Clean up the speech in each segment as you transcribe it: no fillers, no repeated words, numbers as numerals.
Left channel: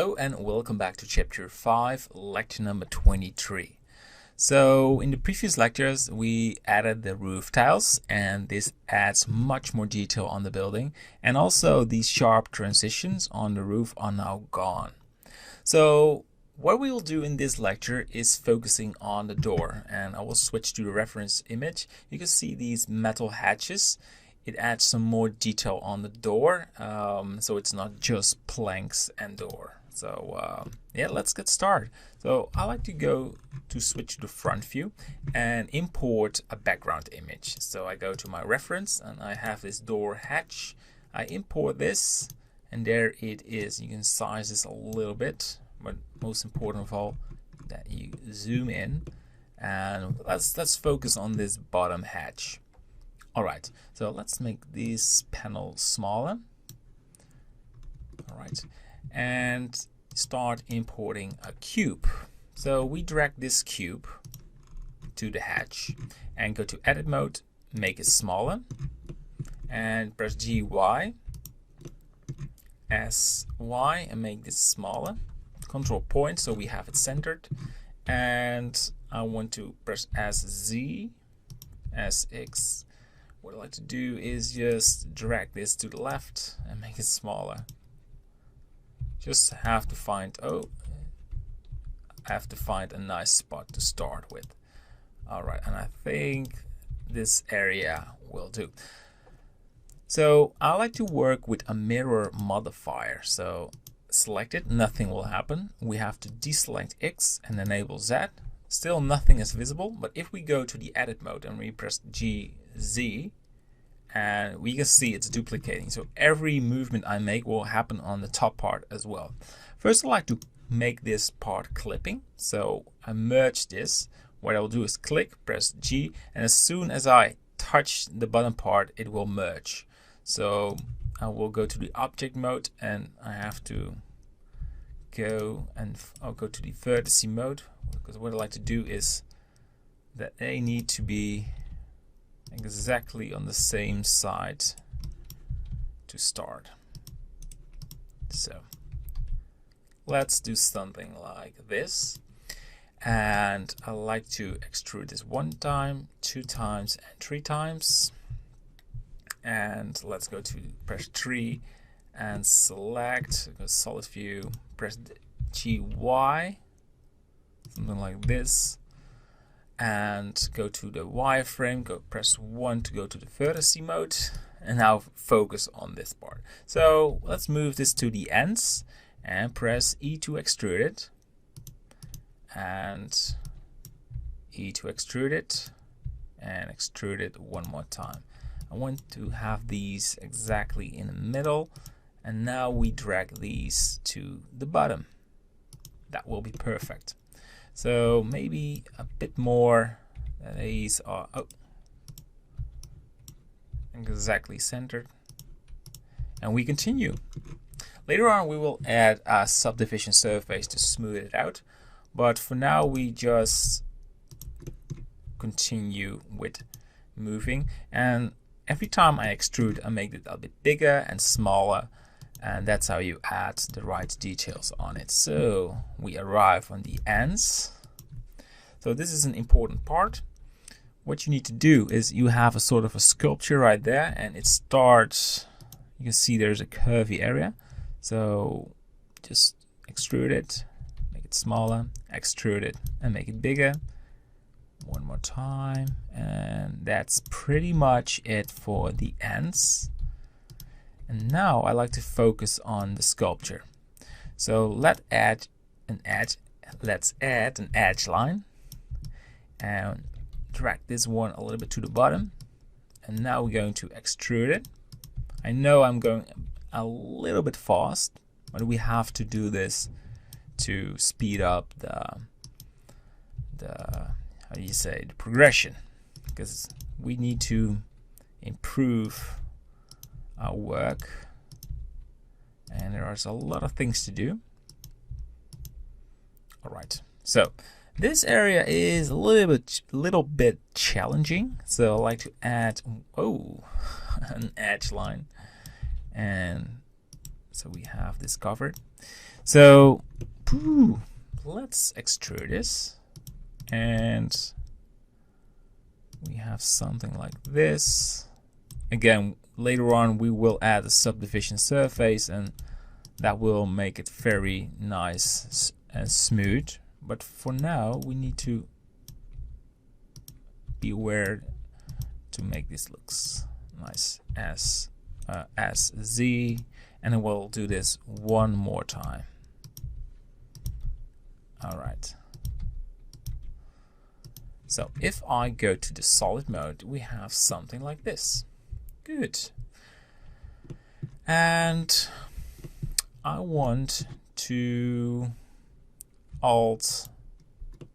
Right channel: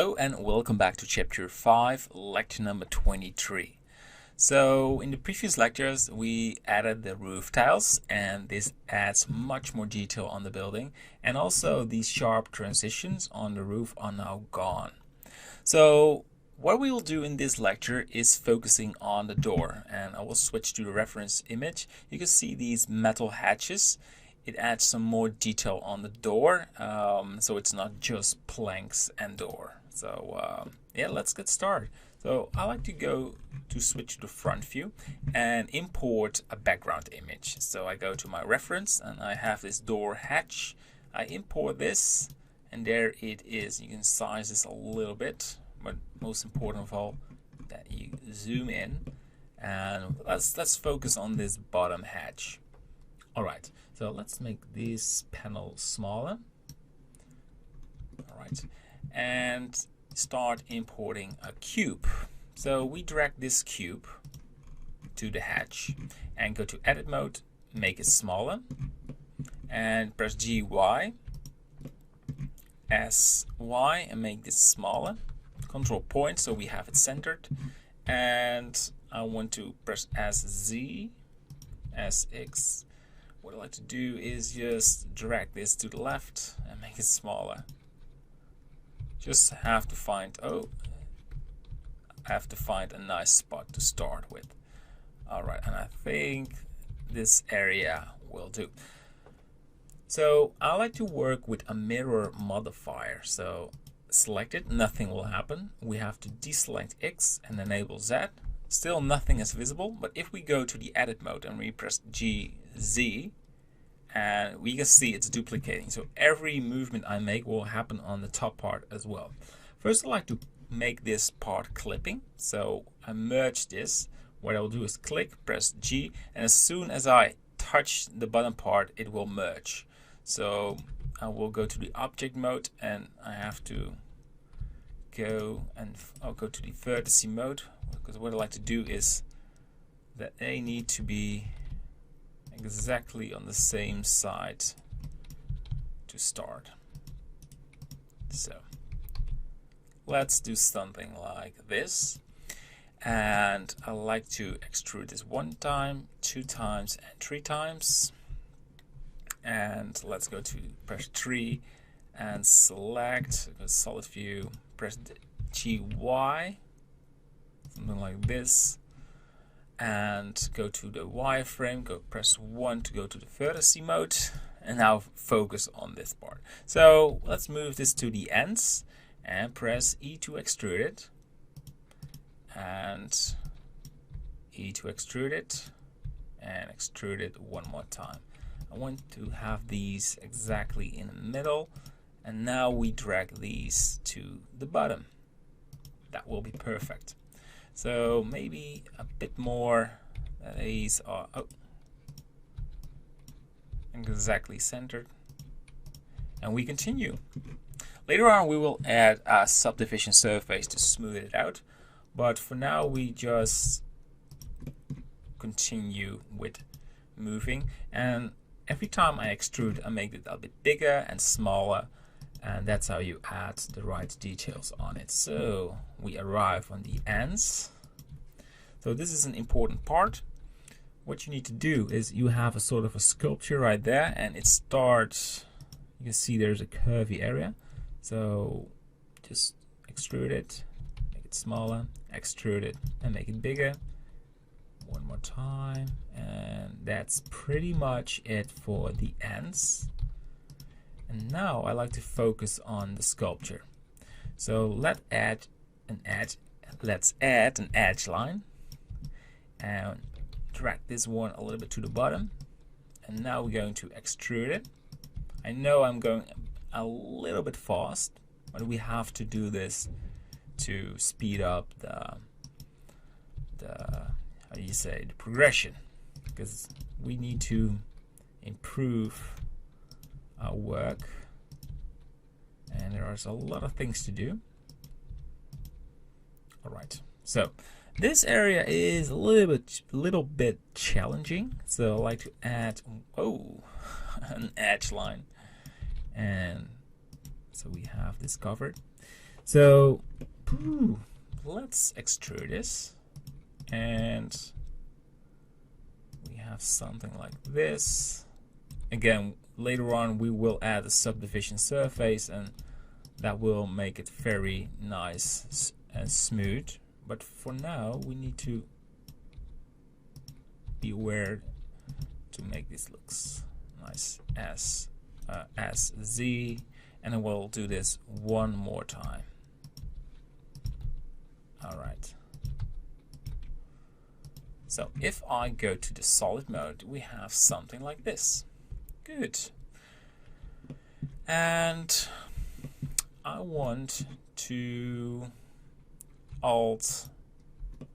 Hello and welcome back to Chapter 5, Lecture number 23. So in the previous lectures we added the roof tiles, and this adds much more detail on the building, and also these sharp transitions on the roof are now gone. So what we will do in this lecture is focusing on the door, and I will switch to the reference image. You can see these metal hatches. It adds some more detail on the door, so it's not just planks and door. So yeah, let's get started. So I like to switch to the front view and import a background image. So I go to my reference and I have this door hatch. I import this and there it is. You can size this a little bit, but most important of all that you zoom in, and let's focus on this bottom hatch. Alright, so let's make this panel smaller. Alright, and start importing a cube. So we drag this cube to the hatch and go to edit mode, make it smaller, and press GY, SY, and make this smaller. Control point so we have it centered, and I want to press SZ, SX. What I like to do is just drag this to the left and make it smaller. Just have to find a nice spot to start with. Alright, and I think this area will do. So I like to work with a mirror modifier. So select it, nothing will happen. We have to deselect X and enable Z. Still nothing is visible, but if we go to the edit mode and we press GZ, and we can see it's duplicating. So every movement I make will happen on the top part as well. First, I like to make this part clipping. So I merge this. What I'll do is click, press G, and as soon as I touch the bottom part, it will merge. So I will go to the object mode, and I have to I'll go to the vertice mode, because what I like to do is that they need to be exactly on the same side to start. So let's do something like this, and I like to extrude this 1 time, 2 times, and 3 times. And let's go to press 3 and select, go solid view, press GY, something like this, and go to the wireframe, press 1 to go to the vertice mode, and now focus on this part. So let's move this to the ends and press E to extrude it, and E to extrude it, and extrude it 1 more time. I want to have these exactly in the middle, and now we drag these to the bottom. That will be perfect. So maybe a bit more. These are exactly centered, and we continue. Later on we will add a subdivision surface to smooth it out, but for now we just continue with moving, and every time I extrude I make it a bit bigger and smaller, and that's how you add the right details on it. So we arrive on the ends. So this is an important part. What you need to do is you have a sort of a sculpture right there, and it starts, you can see there's a curvy area. So just extrude it, make it smaller, extrude it and make it bigger. 1 more time, and that's pretty much it for the ends. And now I like to focus on the sculpture. So let's add an edge line and drag this one a little bit to the bottom. And now we're going to extrude it. I know I'm going a little bit fast, but we have to do this to speed up the progression, because we need to improve our work, and there are a lot of things to do. Alright, so this area is a little bit challenging, so I like to add an edge line, and so we have this covered. So let's extrude this, and we have something like this. Again, later on we will add a subdivision surface, and that will make it very nice and smooth. But for now we need to be aware to make this looks nice as Z, and then we'll do this one more time. All right. So if I go to the solid mode, we have something like this. Good. And I want to Alt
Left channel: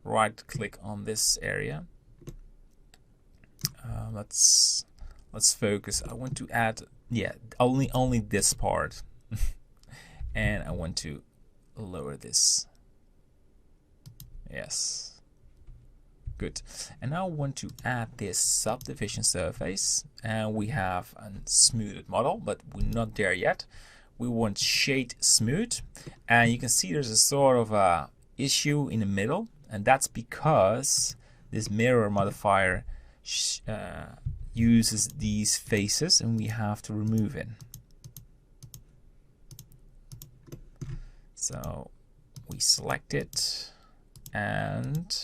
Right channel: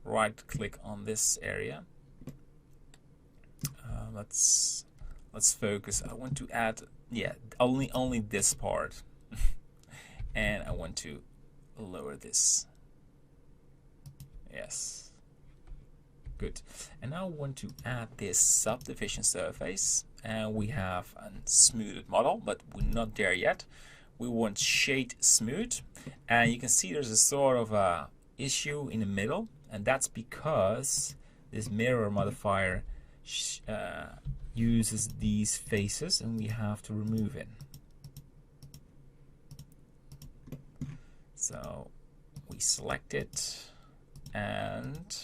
right click on this area. Let's focus. I want to add, yeah, only this part, and I want to lower this. Yes, good. And now I want to add this subdivision surface, and we have a smoothed model, but we're not there yet. We want shade smooth, and you can see there's a sort of a issue in the middle, and that's because this mirror modifier uses these faces, and we have to remove it. So we select it and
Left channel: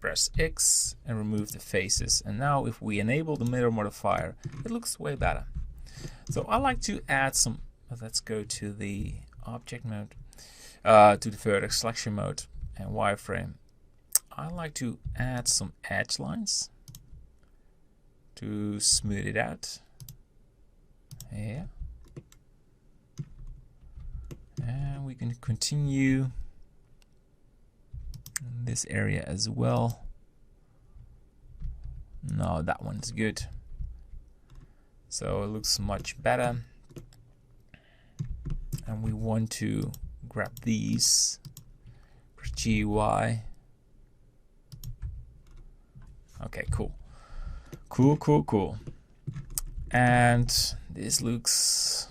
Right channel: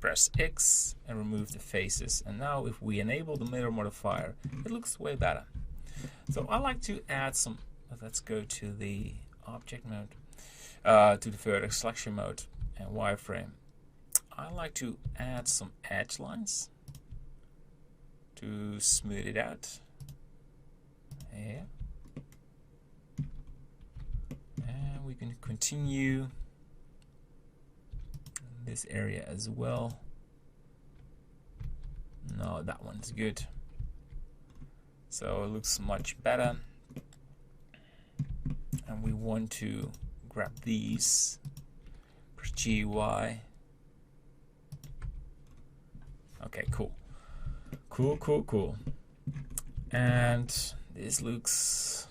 press X and remove the faces, and now if we enable the mirror modifier, it looks way better. So I like to add some, let's go to the object mode, to the vertex selection mode and wireframe. I like to add some edge lines to smooth it out. Yeah. And we can continue in this area as well. No, that one's good. So it looks much better. And we want to grab these, press GY. Okay, cool. Cool. And this looks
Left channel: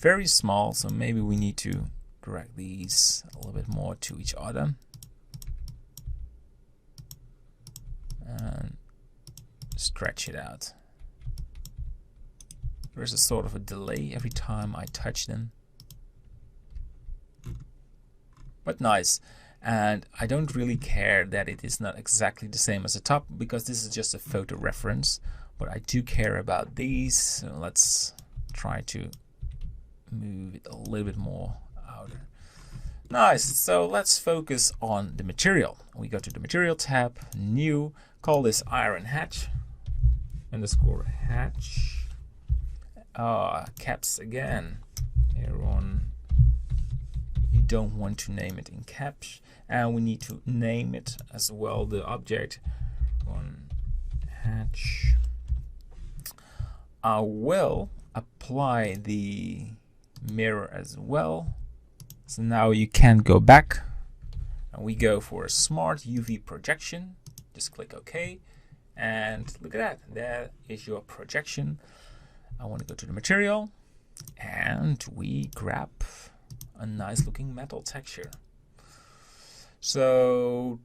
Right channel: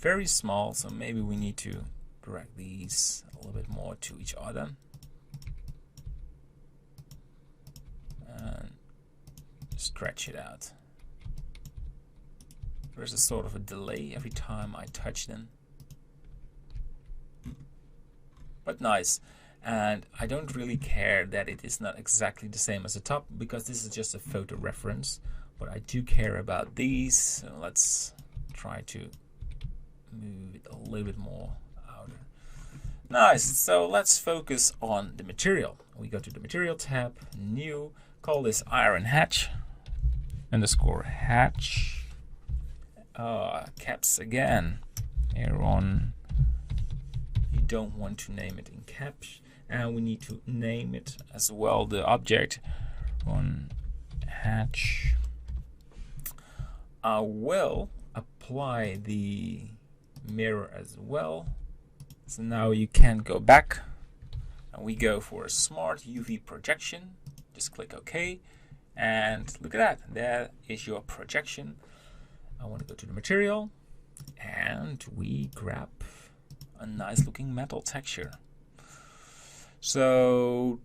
very small, so maybe we need to drag these a little bit more to each other. And stretch it out. There's a sort of a delay every time I touch them. But nice. And I don't really care that it is not exactly the same as the top, because this is just a photo reference, but I do care about these. So let's try to move it a little bit more out. Nice. So let's focus on the material. We go to the material tab, new, call this iron hatch underscore hatch. Caps again. Here on, you don't want to name it in caps. And we need to name it as well, the object on hatch. I will apply the mirror as well. So now you can go back, and we go for a smart UV projection. Just click OK, and look at that. There is your projection. I want to go to the material, and we grab a nice looking metal texture. So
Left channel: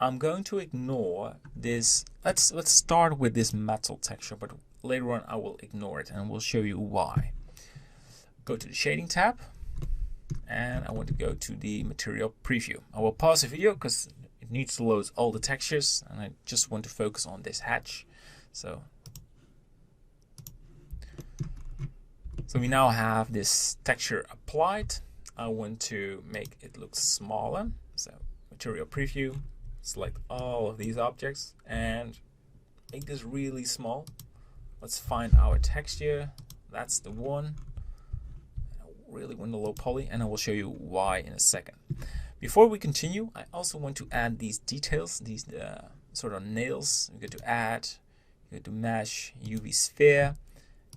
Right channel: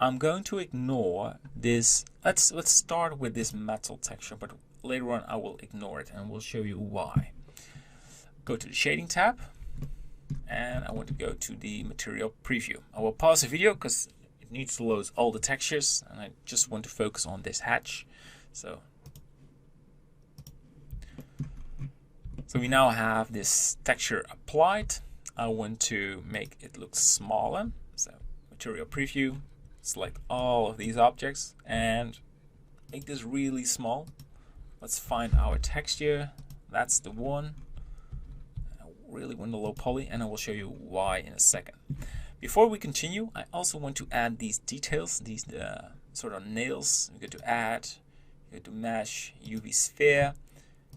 I'm going to ignore this. Let's start with this metal texture, but later on I will ignore it, and we'll show you why. Go to the shading tab, and I want to go to the material preview. I will pause the video because it needs to load all the textures, and I just want to focus on this hatch. So we now have this texture applied. I want to make it look smaller. So material preview, select all of these objects and make this really small. Let's find our texture. That's the one. I really want the low poly, and I will show you why in a second. Before we continue, I also want to add these details, these sort of nails. We go to add, go to mesh, UV sphere,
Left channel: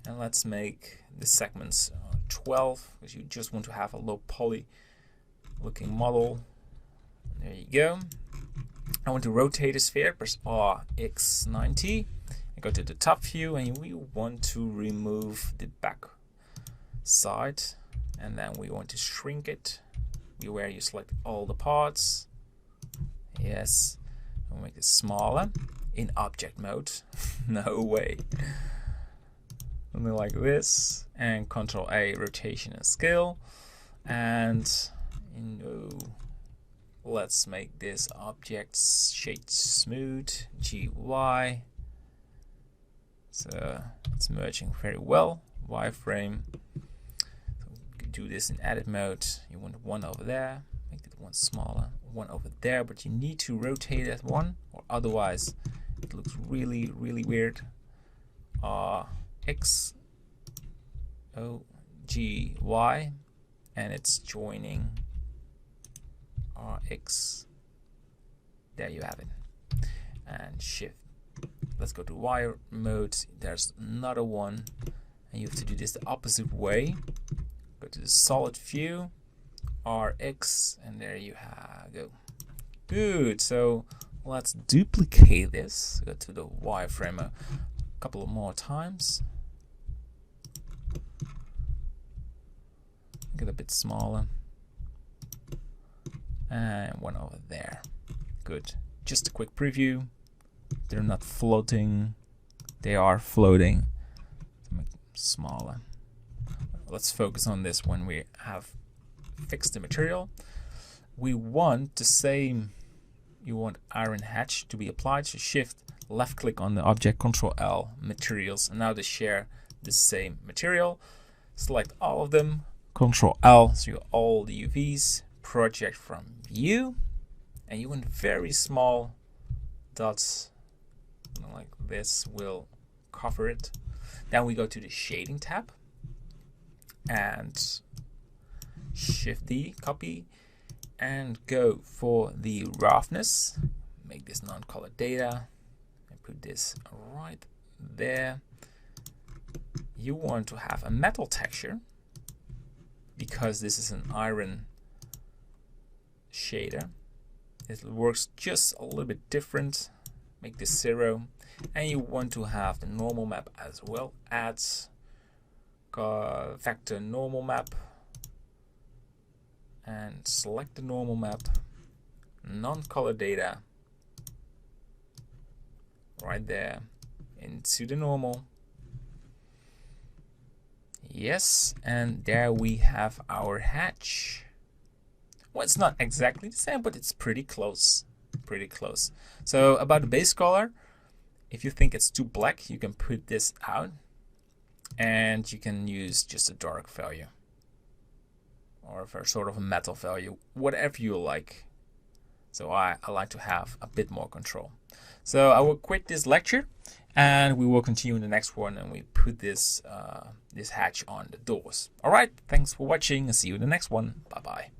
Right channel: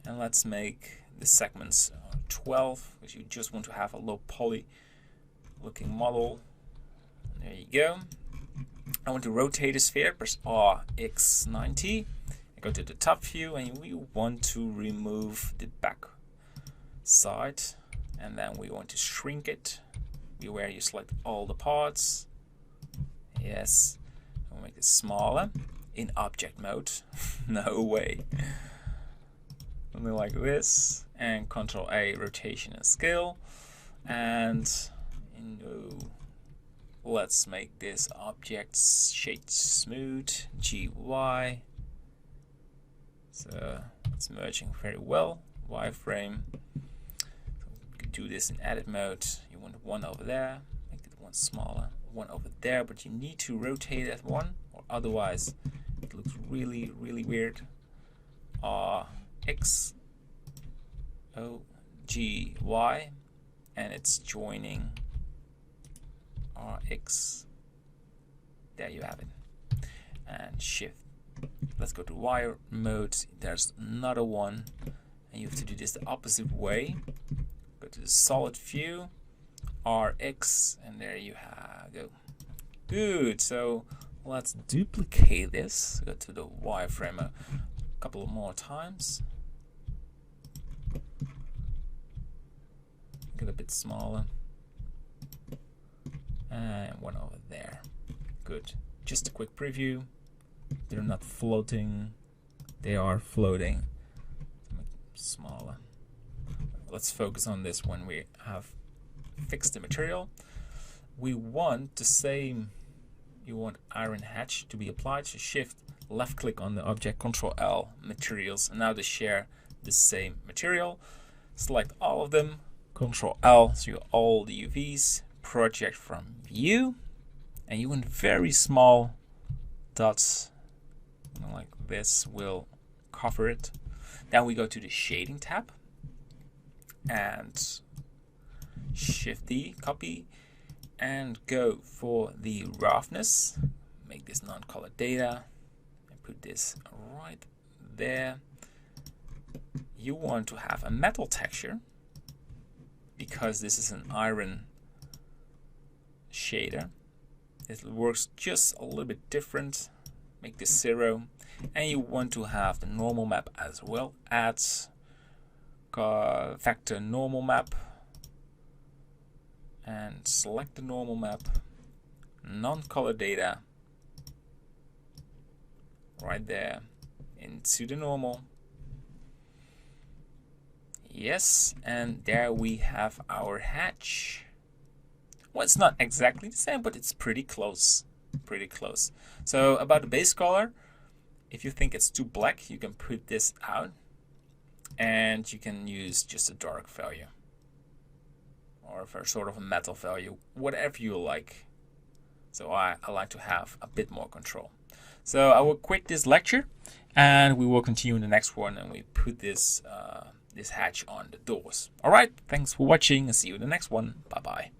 and let's make the segments 12, because you just want to have a low poly looking model. There you go. I want to rotate the sphere, press RX90, and go to the top view, and we want to remove the back. side, and then we want to shrink it. Beware you select all the parts. Yes, we'll make it smaller in object mode. No way. Something like this, and Control A, rotation and scale, and let's make this object shade smooth, GY. So it's merging very well. Wireframe. Do this in edit mode. You want one over there, make it one smaller, one over there, but you need to rotate that one, or otherwise it looks really weird. X O G Y, and it's joining RX. There you have it. And shift. Let's go to wire mode. There's another one, and you have to do this the opposite way. Go to the solid view, RX, and there you go. Good. So let's duplicate this. Go to the wireframe a couple more times. Get a bit smaller, and one over there. Good. Just a quick preview. They're not floating, they are floating. Make them smaller. Let's focus on this when we have fixed the material. We want the same, you want iron hatch to be applied, so shift left click on the object, Control L, materials, and now they share the same material. Select all of them, Control L, so you have all the UVs, project from view, and you want very small dots like this will cover it. Then we go to the shading tab and Shift D, copy, and go for the roughness. Make this non-color data and put this right there. You want to have a metal texture because this is an iron shader. It works just a little bit different. Make this 0, and you want to have the normal map as well. Add vector normal map and select the normal map, non-color data right there into the normal. Yes, and there we have our hatch. Well, it's not exactly the same, but it's pretty close. Pretty close. So about the base color, if you think it's too black, you can put this out and you can use just a dark value or for sort of a metal value, whatever you like. So I like to have a bit more control. So I will quit this lecture and we will continue in the next one, and we put this this hatch on the doors. All right, thanks for watching and see you in the next one. Bye bye.